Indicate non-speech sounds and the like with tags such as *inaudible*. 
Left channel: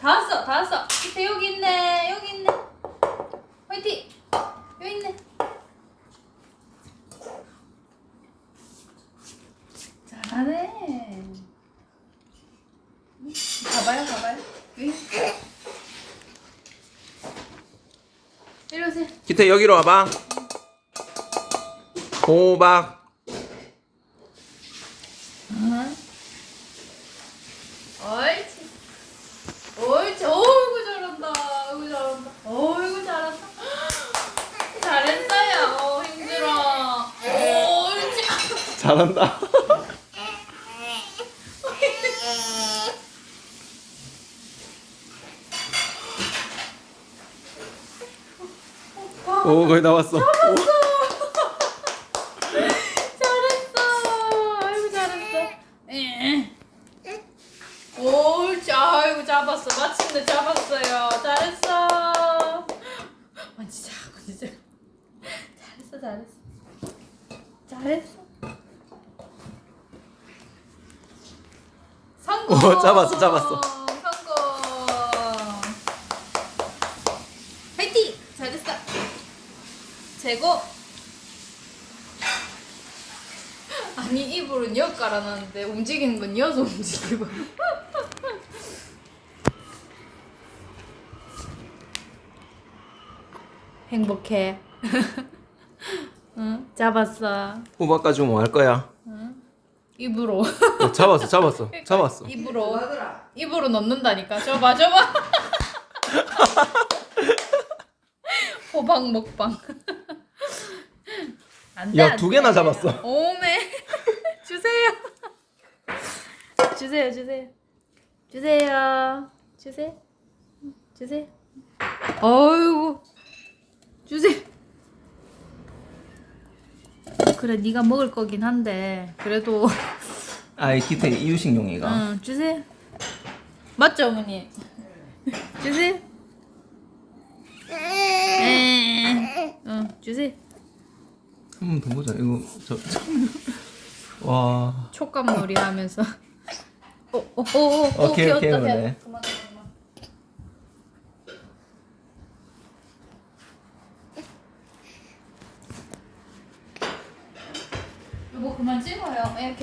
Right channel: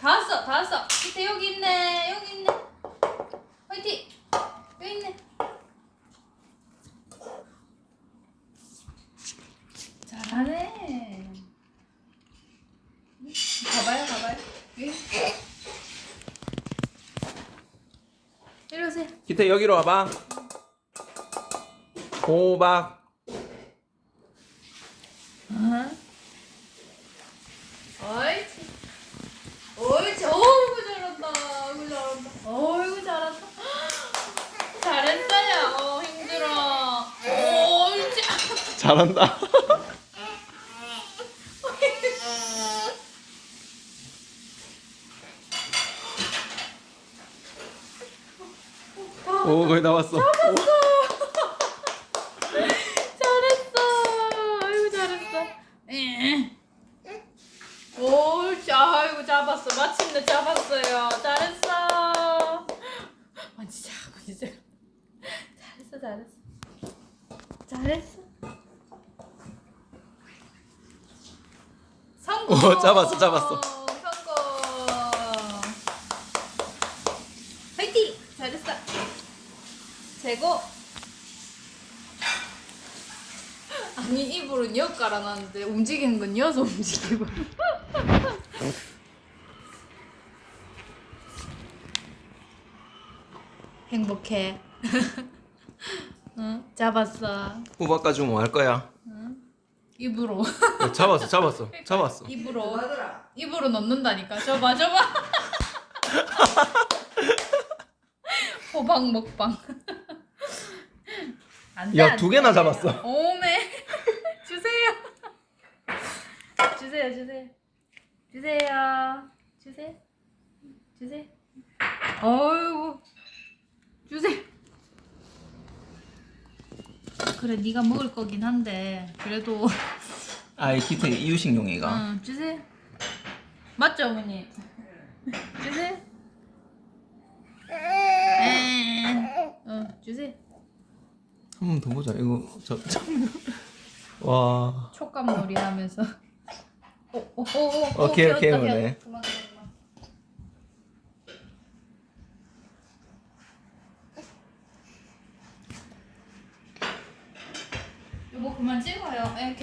다 왔어, 다 왔어. 밑에 여기 있네, 여기 있네. 화이팅! 여기 있네. 잘하네. 가봐요, 가봐요. 이리 오세요. 기태 여기로 와봐. 호박. 응. 옳지. 옳지. 어이구 잘한다. 어이구 잘한다. 어이구 잘한다. 잘했어요. 어, 힘들어. 옳지. 잘한다. 오 거의 나왔어. 잘했어. 아이고 잘했어. 예. 옳지. 아이고 잡았어. 마침내 잡았어요. 잘했어. 만지자. 만지자. 잘했어. 잘했어. 잘했어. 성공. 오, 잡았어, 잡았어. 성공. 파이팅. 잘했어. 최고. *laughs* 아니 입으로는 여 깔아놨는데 움직이는 건 여서 움직이고. *laughs* 행복해. *laughs* 응, 잡았어. 가지고 뭐할 거야? 입으로. 어, 잡았어, 잡았어, 잡았어. 입으로. 입으로 넣는다니까. 저봐, 저봐. *laughs* 호박 먹방. 안 돼, 야, 안두 개나 돼. 잡았어. 오메. *laughs* 주세요. 주세요, 주세요. 주세요. 주세요. 주세요. 어이구. 주세요. 그래, 네가 먹을 거긴 한데 그래도 아, 이 기태 이유식용이가. 응, 주세요. 맞죠, 어머니? 주세요. 에, 응, 주세요. 한 번 더 보자. 이거 저. 와. 촉감 놀이 하면서. 오, 오, 오, 오, 오케이, 오케이, 귀엽다, 오네. 귀엽다. 그만. 뭐 그만 찍어요. 예,